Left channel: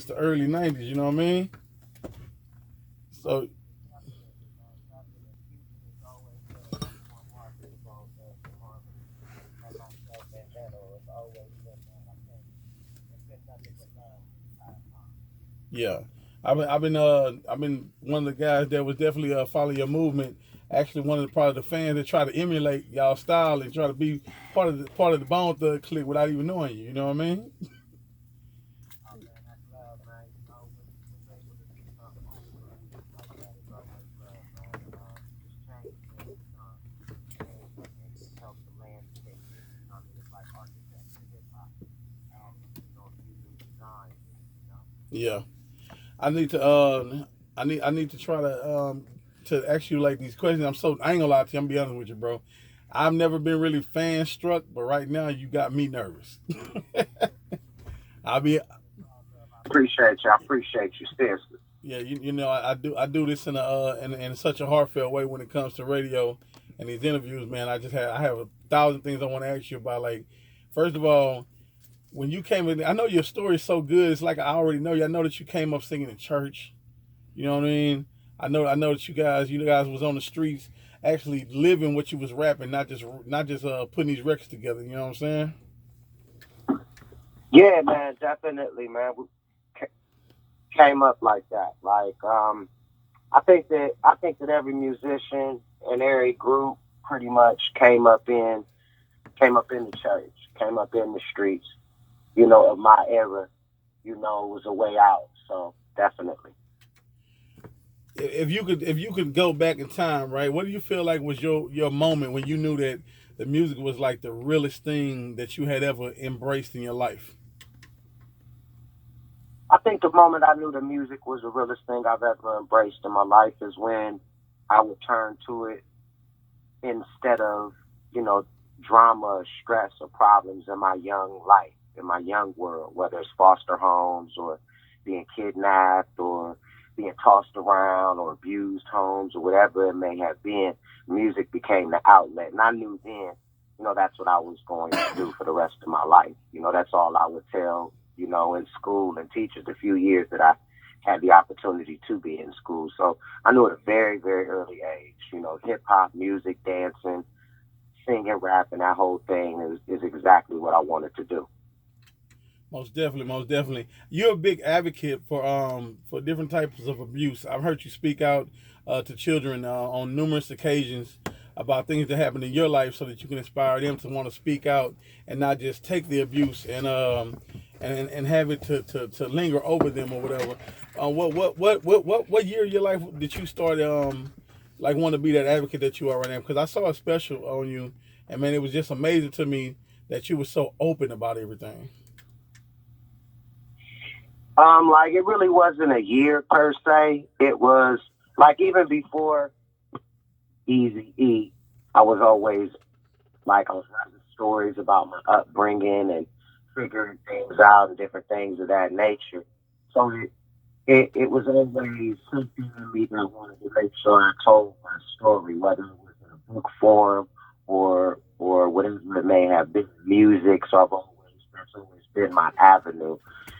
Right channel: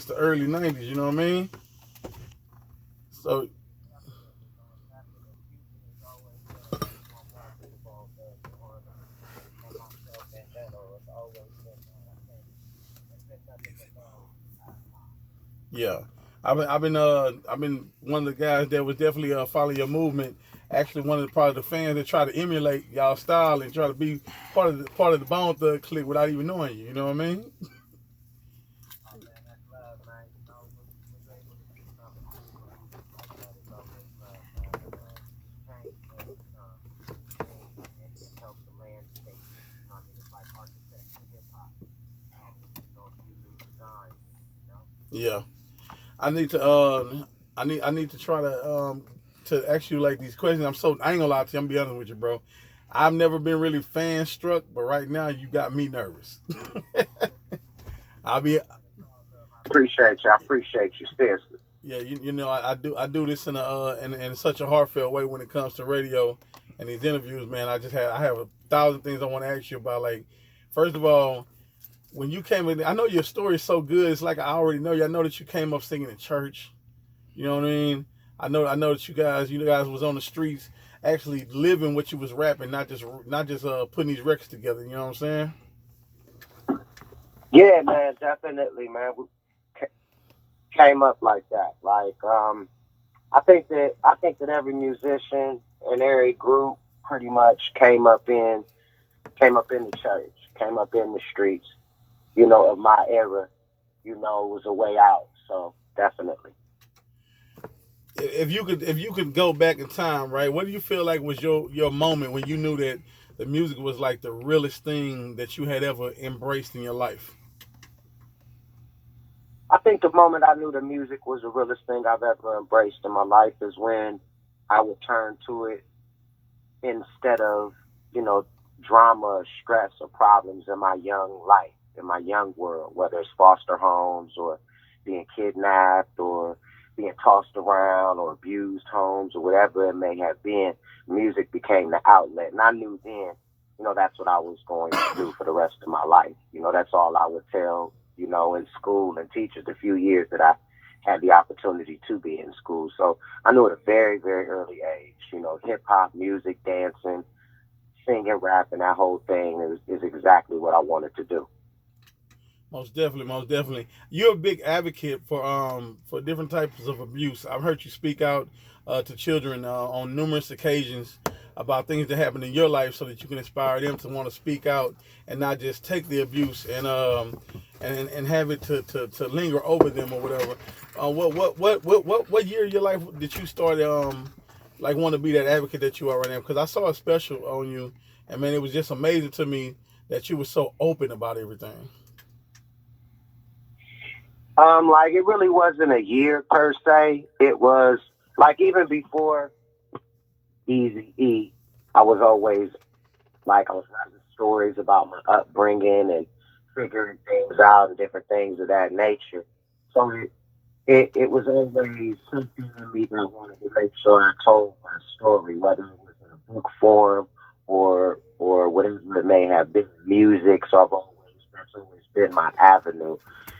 It's the early 90s, you know what I mean? So, yeah. I've been one of the guys that was definitely following your movement. Actually, one of the probably the fans that try to emulate y'all style and try to be part of the Bone Thug clique without even knowing you. You know what I mean? Yeah. I need to I need to try to ask you like these questions. I ain't gonna lie to you. I'm gonna be honest with you, bro. I've never been really fan struck, but right now you got me nervous. I'll be Appreciate you. I appreciate you, seriously. Yeah, I do this in such a heartfelt way when it comes to radio and these interviews, man. I have a thousand things I want to ask you about. Like, first of all, when you came in, I know your story is so good. It's like I already know you. I know that you came up singing in church. You know what I mean? I know that you guys was on the streets actually living what you was rapping, not just putting these records together. You know what I'm saying? Yeah, man, definitely, man. We came up like that. I think that every musician and every group pretty much came up in the church, came up in the streets, of my era, was a way out. So definitely. If you could go back in time, right? What do you feel like was your moment when you knew that the music was like the realest thing that you had ever embraced in your life? I think the moment I knew the music was the realest thing I've ever embraced in my life is when I would turn to it instead of, you know, drama or stress or problems in my young life, in my young world, whether it's foster homes or being kidnapped or being tossed around or abused homes or whatever it may have been, music became the outlet. And I knew then, that's what I was going to do for the rest of my life. That's all I would tell, in school and teachers the few years that I had the opportunity to be in school. So I knew at a very, very early age, hip hop, music, dancing, singing, rapping, that whole thing is exactly what I wanted to do. Most definitely, most definitely. You're a big advocate for different types of abuse. I've heard you speak out to children on numerous occasions about things that happened in your life, so that you can inspire them to want to speak out and not just take the abuse and have it to linger over them or whatever. What year of your life did you start like want to be that advocate that you are right now? Because I saw a special on you, and man, it was just amazing to me that you were so open about everything. Like it really wasn't a year per se. It was like even before Easy E, I was always like I was writing stories about my upbringing and figuring things out and different things of that nature. So it was always something in me that I wanted to make sure I told my story, whether it was in a book form or whatever it may have been, music. So that's always been my avenue,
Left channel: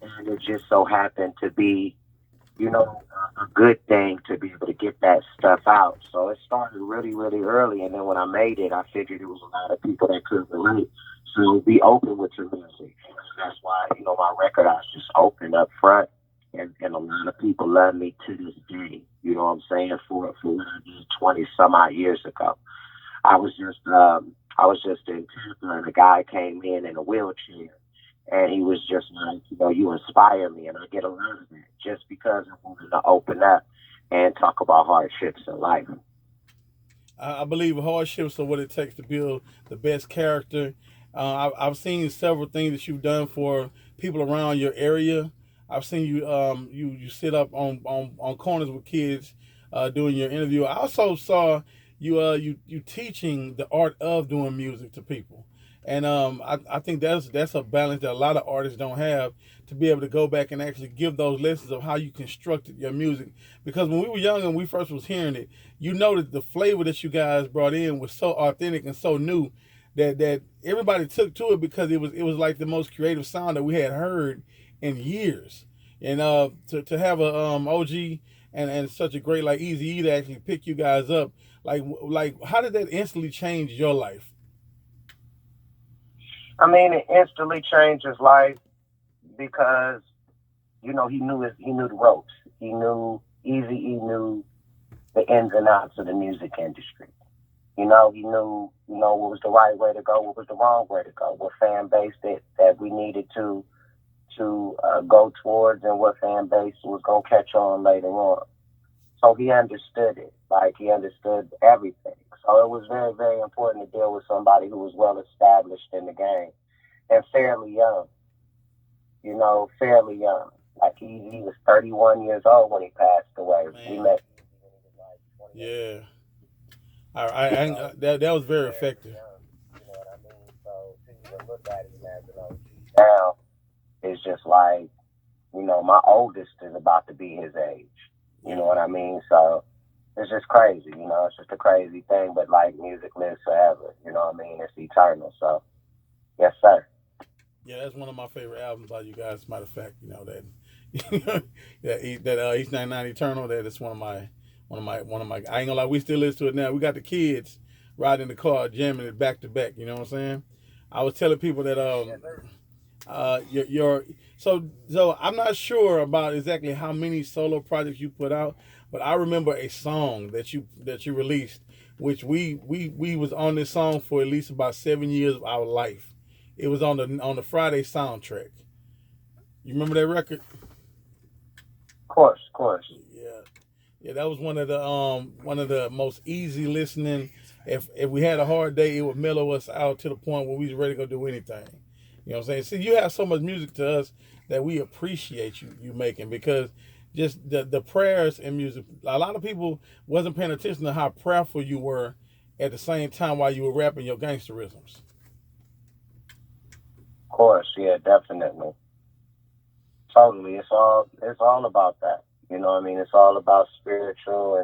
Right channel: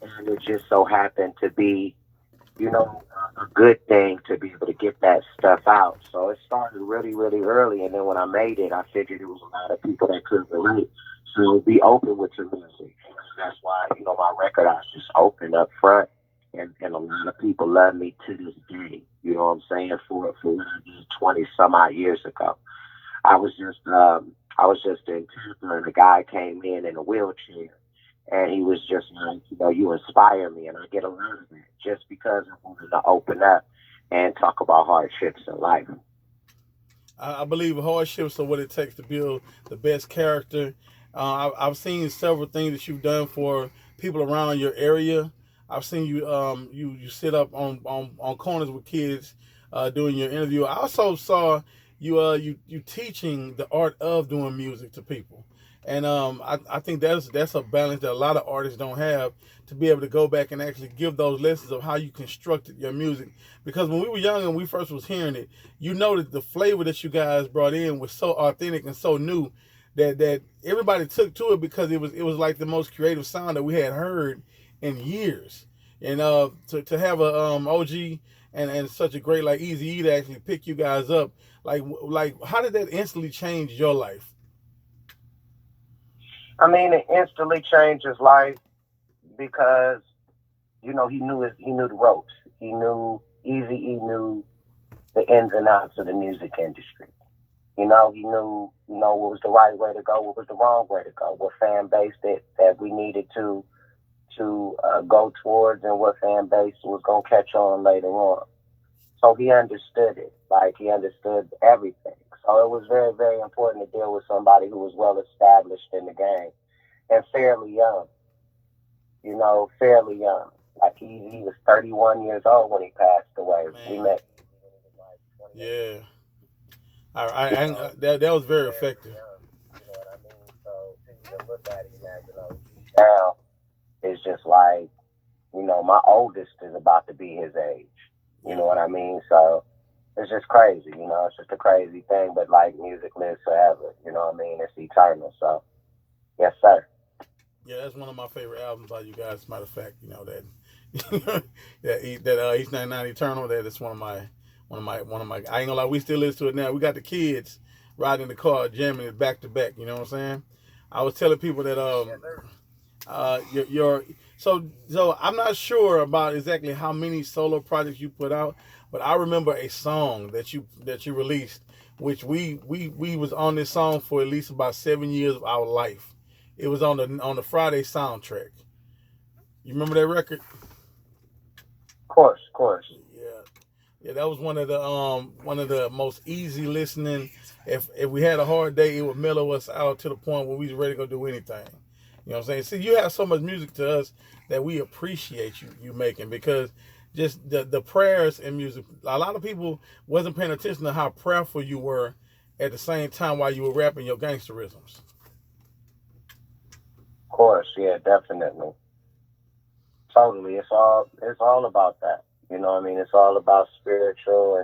and it just so happened to be, a good thing to be able to get that stuff out. So it started really, really early, and then when I made it, I figured there was a lot of people that could relate. So be open with your music. That's why my record I was just open up front, and a lot of people love me to this day. You know what I'm saying? For what I did 20 some odd years ago. I was just in Tampa, and a guy came in a wheelchair, and he was just like, you inspire me, and I get a lot of that just because I wanted to open up and talk about hardships in life. I believe hardships are what it takes to build the best character. I've seen several things that you've done for people around your area. I've seen you sit up on corners with kids doing your interview. I also saw you teaching the art of doing music to people, and I think that's a balance that a lot of artists don't have, to be able to go back and actually give those lessons of how you constructed your music. Because when we were young and we first was hearing it, you know that the flavor that you guys brought in was so authentic and so new that everybody took to it, because it was like the most creative sound that we had heard in years. And to have a OG and such a great like Easy E to actually pick you guys up, like how did that instantly change your life? I mean, it instantly changed his life because he knew the ropes. He knew Easy E knew the ins and outs of the music industry. He knew what was the right way to go, what was the wrong way to go, what fan base that we needed to go towards, and what fan base was gonna catch on later on. So he understood it, like he understood everything. So it was very, very important to deal with somebody who was well established in the game and fairly young. Fairly young. Like he was 31 years old when he passed away. We Man, met when he was like 28. yeah, that was He was very fairly effective. young. You know what I mean? So to even look at him as an OG now is just like, my oldest is about to be his age. You Yeah, know what I mean? So it's just crazy. It's just a crazy thing. But like music lives forever. You know what I mean? It's eternal. So yes, sir. yeah, that's one of my favorite albums by you guys. As a matter of fact, that that East 99 Eternal. That is one of my. I ain't gonna lie, we still listen to it now. We got the kids riding in the car jamming it back to back. You know what I'm saying? I was telling people that Yes, sir. your so I'm not sure about exactly how many solo projects you put out, but I remember a song that you released, which we was on this song for at least about 7 years of our life. It was on the Friday soundtrack. You remember that record? Of course, of course. Yeah, yeah. That was one of the most easy listening. If we had a hard day, it would mellow us out to the point where we was ready to go do anything. You know what I'm saying? See, you have so much music to us that we appreciate you making because just the prayers and music. A lot of people wasn't paying attention to how prayerful you were at the same time while you were rapping your gangsterisms. Of course, yeah, definitely. Totally. It's all about that. You know what I mean? It's all about spiritual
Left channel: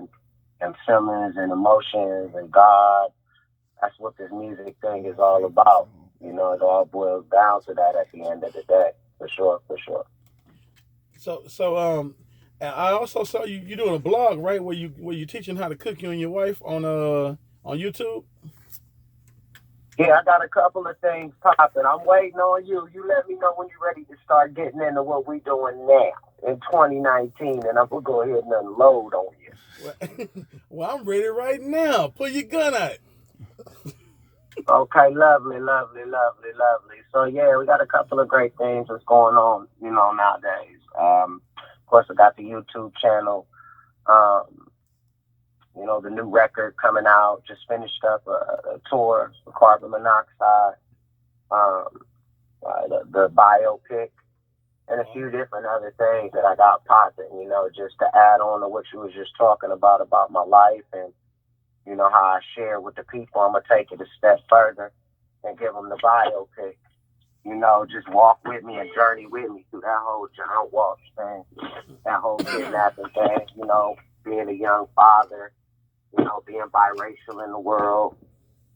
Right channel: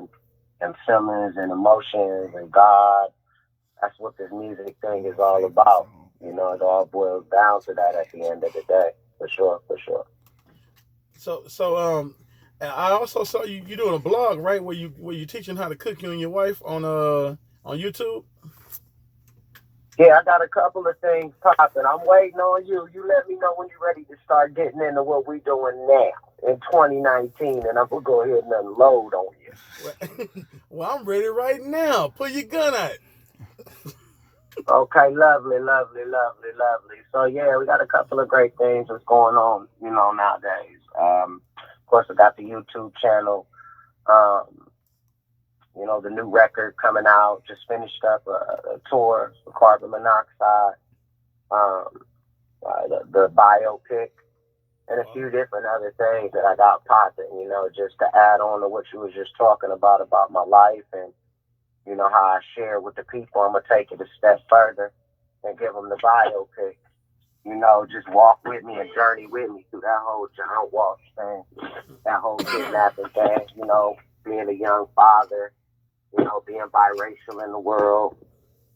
and feelings and emotions and God. That's what this music thing is My all favorite about. song. It all boils down to that at the end of the day. For sure, for sure. So I also saw you doing a blog, right? Where you teaching how to cook, you and your wife on YouTube. Yeah, I got a couple of things popping. I'm waiting on you. You let me know when you're ready to start getting into what we're doing now in 2019, and I'm gonna go ahead and unload on you. Well, well, I'm ready right now. Pull your gun out. Okay, lovely, lovely, lovely, lovely. So yeah, we got a couple of great things that's going on, nowadays. Of course, I got the YouTube channel. Um, the new record coming out. Just finished up a tour for Carbon Monoxide. Um, the biopic and a Wow. few different other things that I got popping. Just to add on to what you was just talking about my life and how I share with the people. I'm gonna take it a step further and give them the biopic. Just walk with me and journey with me through that whole John Walsh thing, that whole kidnapping thing. Being a young father, being biracial in the world,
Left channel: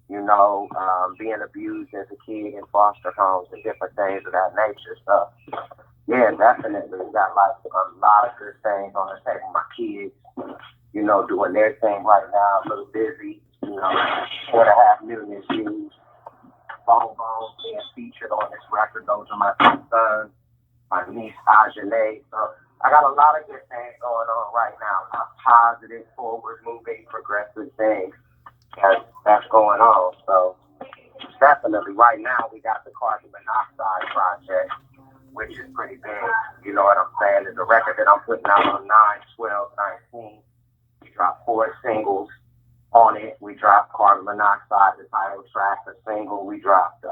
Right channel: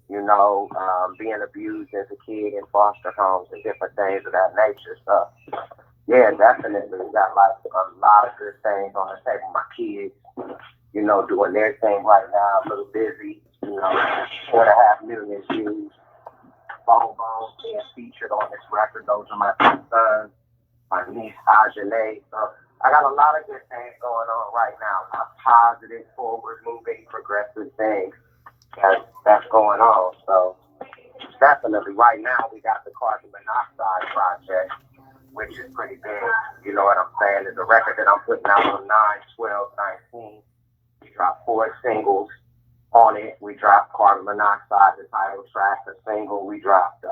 being abused as a kid in foster homes and different things of that nature. So yeah, definitely. We got a lot of good things on the table. My kids, doing their thing right now, a little busy, 4.5 million views. Bone Bone being featured on this record. Those are my two sons, my niece Ajane. So I got a lot of good things going on right now. A lot of positive, forward moving, progressive things that's going on. So definitely right now we got the carbon monoxide project, which is pretty big. You know what I'm saying? It's a record that I'm putting out on 9/12/19. We dropped 4 singles on it. We dropped Carbon Monoxide, the title track, the single. We dropped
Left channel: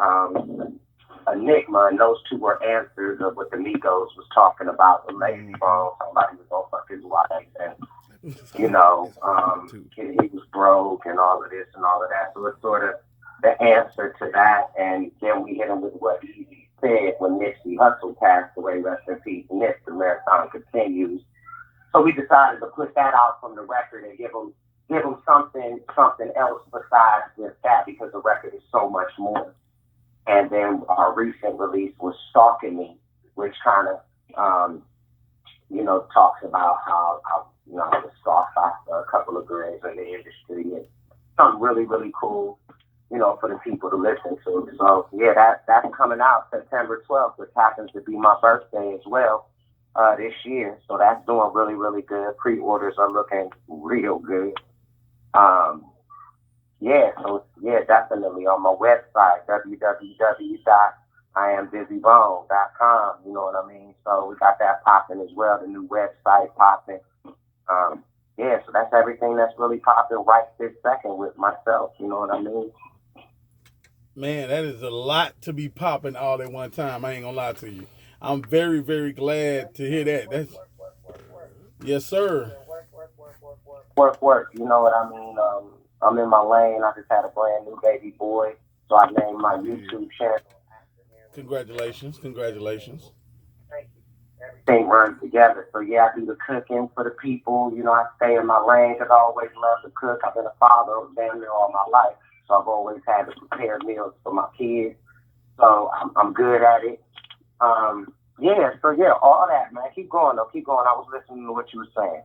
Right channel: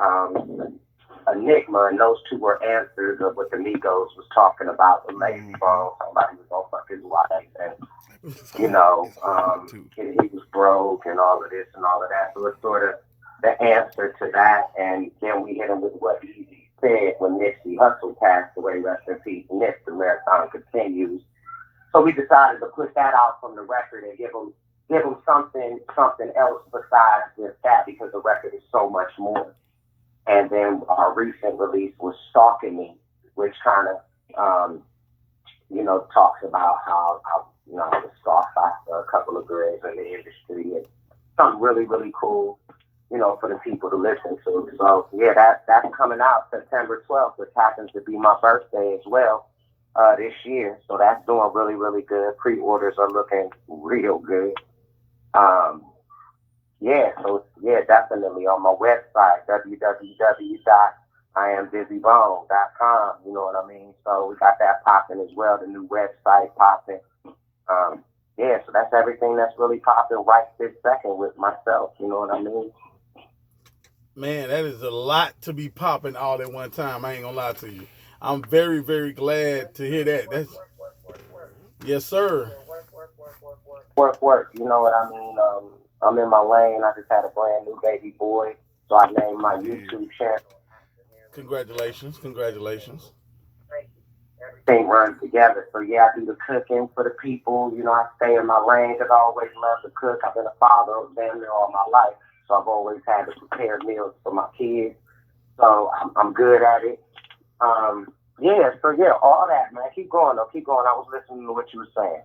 Enigma, and those two were answers of what the Migos was talking about with Lazy Mm-hmm. Bone. Somebody was gonna fuck his wife, and It's hard. It's hard um, too. he was broke and all of this and all of that. So it's sort of the answer to that. And then we hit him with what Easy said when Nipsey Hussle passed away. Rest in peace, Nip. The marathon continues. So we decided to put that out from the record and give them something else besides just that because the record is so much more. And then our recent release was Stalking Me, which kind of talks about how I was scoffed after a couple of girls in the industry and something really, really cool, for the people to listen to. So yeah, that's coming out September 12th, which happens to be my birthday as well, this year. So that's doing really, really good. Pre-orders are looking real good. Um, yeah, so yeah, definitely on my website, www.iambizybone.com. You know what I mean? So we got that popping as well, the new website popping. Um, yeah, so that's everything that's really popping right this second with myself. You know what I mean? Man, that is a lot to be popping all at one time. I ain't gonna lie to you. I'm very, very glad to hear that. That's yes, sir. Work. You know what I mean? I'm in my lane. I just had a brand new baby boy, so I named my YouTube channel. Congratulations, congratulations. Everything runs together. So yeah, I do the cooking for the people. I stay in my lane because I always love to cook. I've been a father damn near all my life, so I've always had to prepare meals for my kids. So I'm good at it. Yeah, so yeah, all that, man. Keep going though. Keep going. I was listening to what you were saying.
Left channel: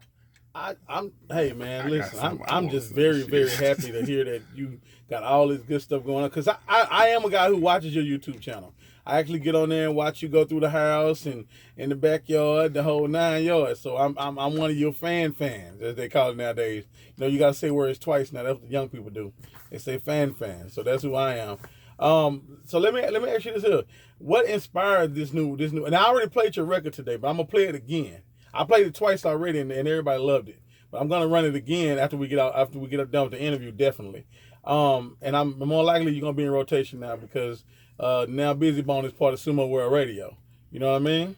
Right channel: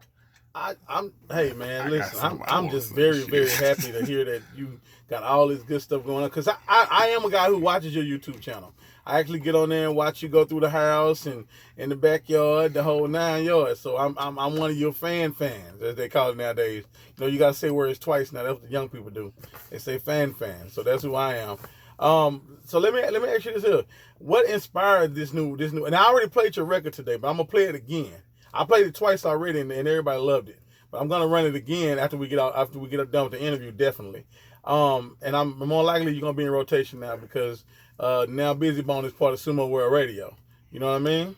I'm hey man, I got listen, I'm something I I'm want to just say. very, very Shit. happy to hear that you got all this good stuff going on. Cause I am a guy who watches your YouTube channel. I actually get on there and watch you go through the house and in the backyard, the whole 9 yards. So I'm one of your fans, as they call it nowadays. You gotta say words twice now. That's what the young people do. They say fan. So that's who I am. So let me ask you this here. What inspired this new? And I already played your record today, but I'm gonna play it again. I played it twice already, and everybody loved it. But I'm gonna run it again after we get done with the interview, definitely. And I'm more likely you're gonna be in rotation now because now Bizzy Bone is part of Sumo World Radio. You know what I mean?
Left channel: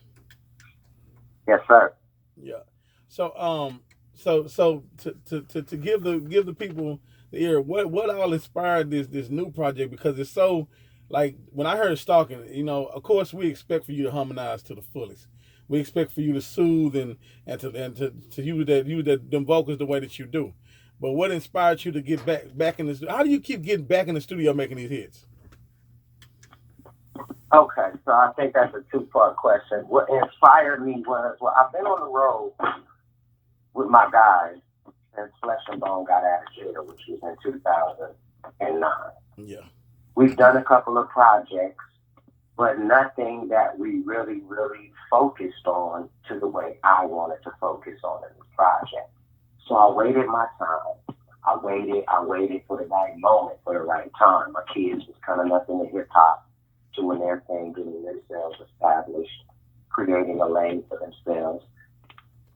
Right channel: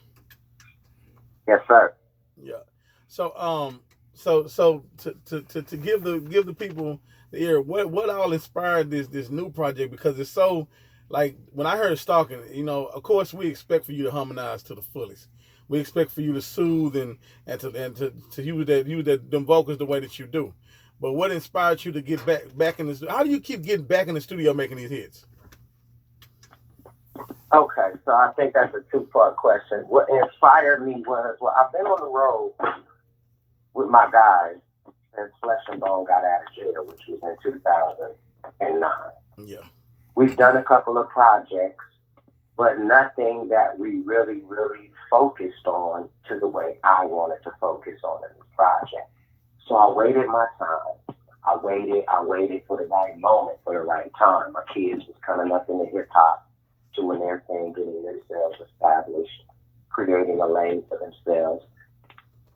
Yes, sir. Yeah. So to give the people the ear, what all inspired this new project, because it's so, like, when I heard stalking, of course we expect for you to harmonize to the fullest. We expect for you to soothe and to use that them vocals the way that you do. But what inspired you to get back in this? How do you keep getting back in the studio making these hits? Okay, so I think that's a two-part question. What inspired me was, well, I've been on the road with my guys since Flesh and Bone got out of jail, which was in 2009. Yeah. We've done a couple of projects, but nothing that we really, really focused on to the way I wanted to focus on in the project. So I waited my time. I waited for the right moment, for the right time. My kids was coming up in the hip hop, doing their thing, getting themselves established, creating a lane for themselves.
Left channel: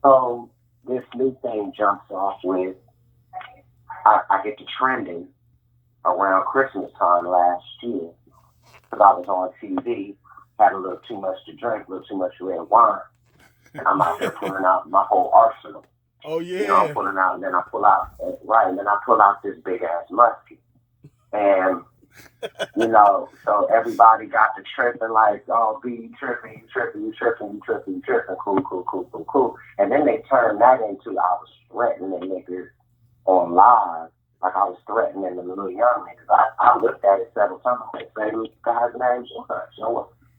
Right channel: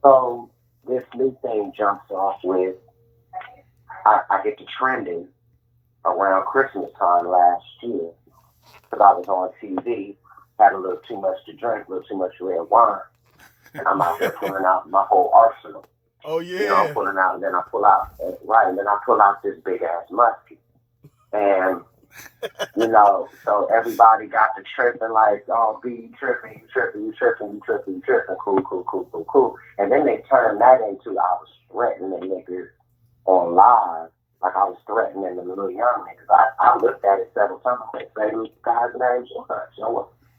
So this new thing jumps off with, I get to trending around Christmas time last year because I was on TV, had a little too much to drink, a little too much red wine, and I'm out there pulling out my whole arsenal. Oh I'm yeah. pulling out, and then I pull out, right, and then I pull out this big ass musket. And, so everybody got to tripping like, oh, B, you tripping, you tripping, you tripping, you tripping, you tripping, cool, cool, cool, cool, cool. And then they turned that into, I was threatening niggas on live, like I was threatening the little young niggas. I looked at it several times. I said, say those guys' names or not.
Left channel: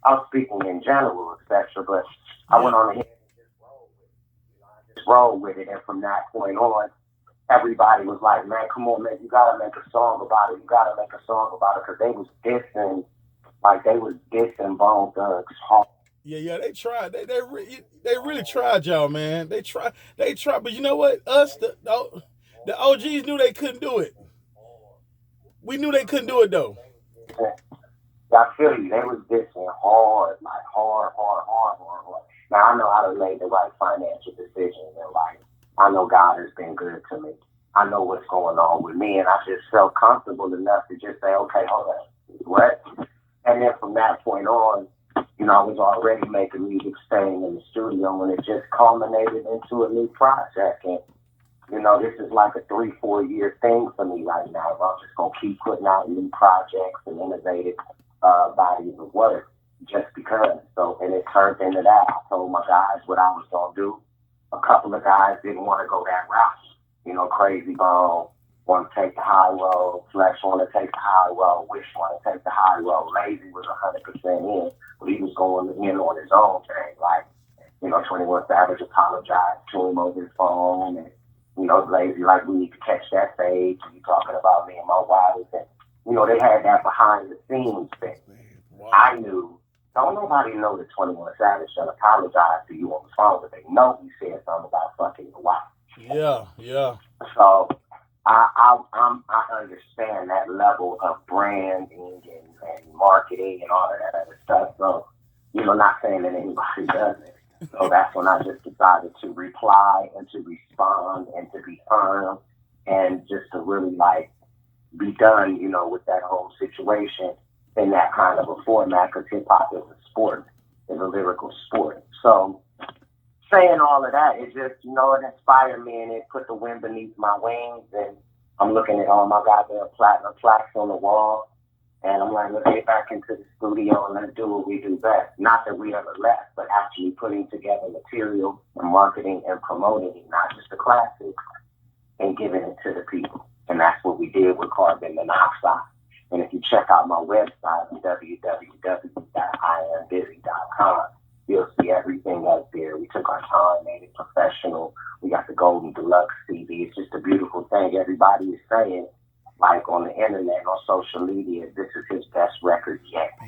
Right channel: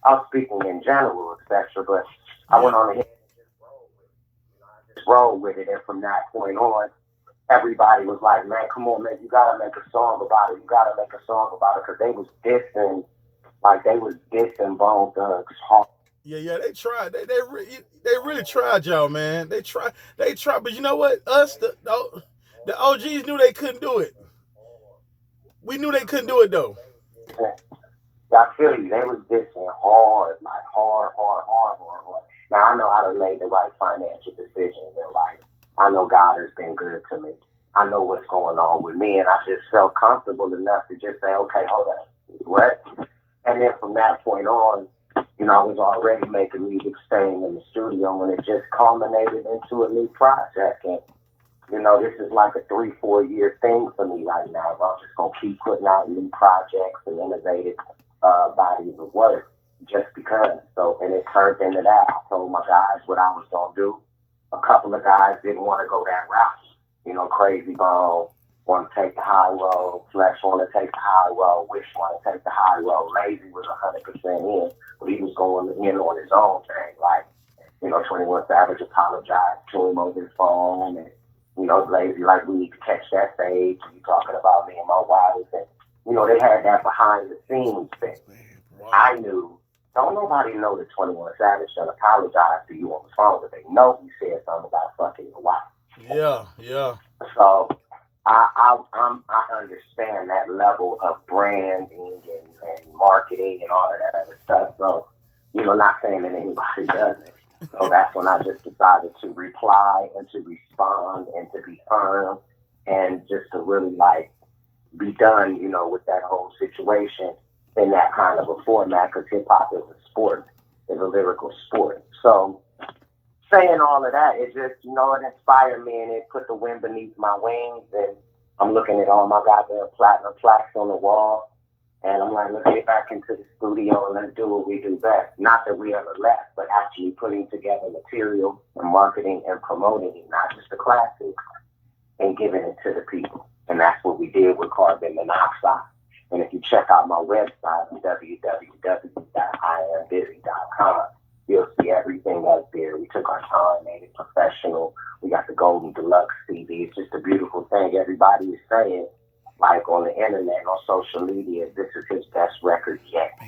I was speaking in general, etc. But I Yeah. went on ahead and just roll with it. And from that point on, everybody was like, man, come on, man, you gotta make a song about it. You gotta make a song about it. Because they was dissing Bone Thugs hard. Yeah, they tried. They really tried, y'all, man. They tried, but you know what? Us, the OGs knew they couldn't do it. We knew they couldn't do it though. I feel you. They was dissing hard, like hard, hard, hard, hard, hard. Now I know how to make the right financial decisions in life. I know God has been good to me. I know what's going on with me, and I just felt comfortable enough to just say, okay, hold on, what? And then from that point on, I was already making music, staying in the studio, and it just culminated into a new project. And this is like a 3-4 year thing for me right now. I'm just gonna keep putting out new projects and innovative bodies of work just because. So, and it turned into that. I told my guys what I was gonna do. A couple of guys didn't want to go that route. Crazy Bone want to take the high road, Flex want to take the high road, Wish want to take the high road. Lazy was 100% in, but he was going in on his own thing. Like, 21 Savage apologized to him over the phone, and Lazy like, we need to catch that stage. You talking about me and my wife, and they had that behind the scenes thing. Wow. I knew. Don't nobody know that 21 Savage done apologize to you on the phone, but they know he said something about fucking your wife. Yeah, yeah. So I understand that level of branding and marketing and all of that other stuff. So, not saying that anybody doesn't. So that's when I just decided to reply and to respond and to be firm and just to really like be done, with that whole situation in that kind of a format, because hip hop is a sport, is a lyrical sport. So saying all of that, it just, it inspired me and it put the wind beneath my wings. And I'm looking at all my goddamn platinum plaques on the wall. And I'm like, let's get back into the studio and let's do what we do best. Not that we ever left, but actually putting together material and marketing and promoting it, not just the classics, and giving it to the people. And that's what we did with carbon monoxide. And if you check out my website, www.iambizzy.com, you'll see everything up there. We took our time, made it professional. We got the Golden Deluxe CD. It's just a beautiful thing. Everybody is saying, like on the internet, on social media, this is his best record yet.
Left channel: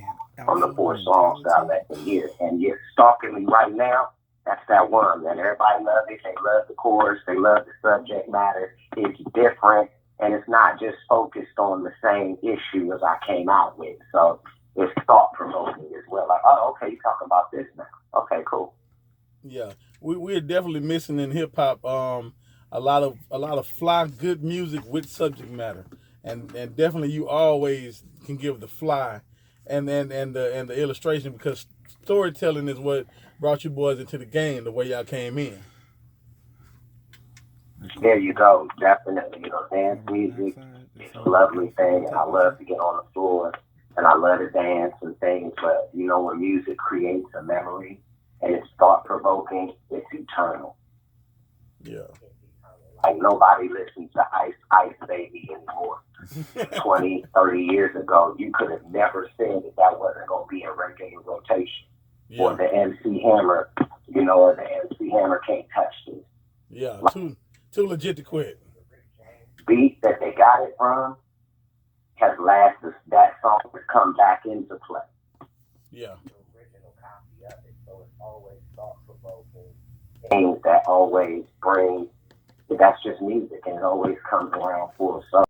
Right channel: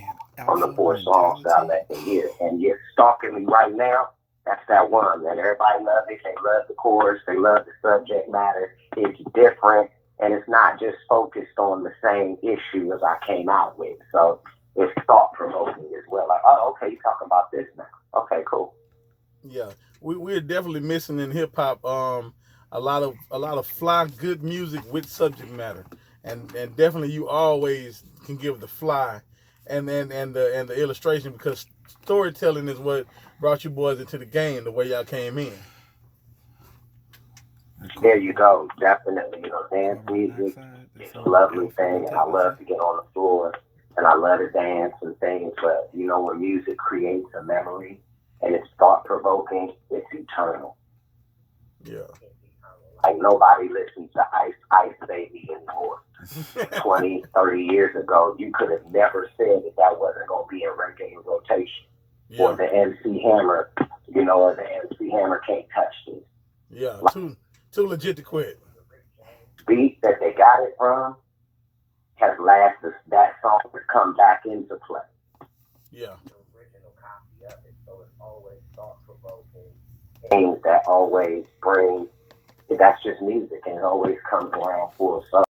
From the 4 songs that I let them hear. And you're stalking me right now. That's that one, man. Everybody loves it. They love the chorus. They love the subject matter. It's different. And it's not just focused on the same issue as I came out with. So it's thought provoking as well. Like, oh, okay, you're talking about this now. Okay, cool. Yeah, we're definitely missing in hip hop a lot of fly good music with subject matter, and definitely you always can give the fly, and the illustration, because storytelling is what brought you boys into the game the way y'all came in. There you go. Definitely. Dance music is a lovely thing, and I love to get on the floor, and I love to dance and things. But when music creates a memory and it's thought provoking, it's eternal. Yeah. Like nobody listens to Ice Ice Baby anymore. 20, 30 years ago, you could have never said that that wasn't going to be a reggae rotation. Or Yeah. the MC Hammer, or the MC Hammer can't touch this. Yeah. Too legit to quit. Beat that they got it from has lasted. That song has come back into play. Yeah. The original copy of it, so it's always thought provoking. Things that always bring. That's just music, and it always comes around full circle.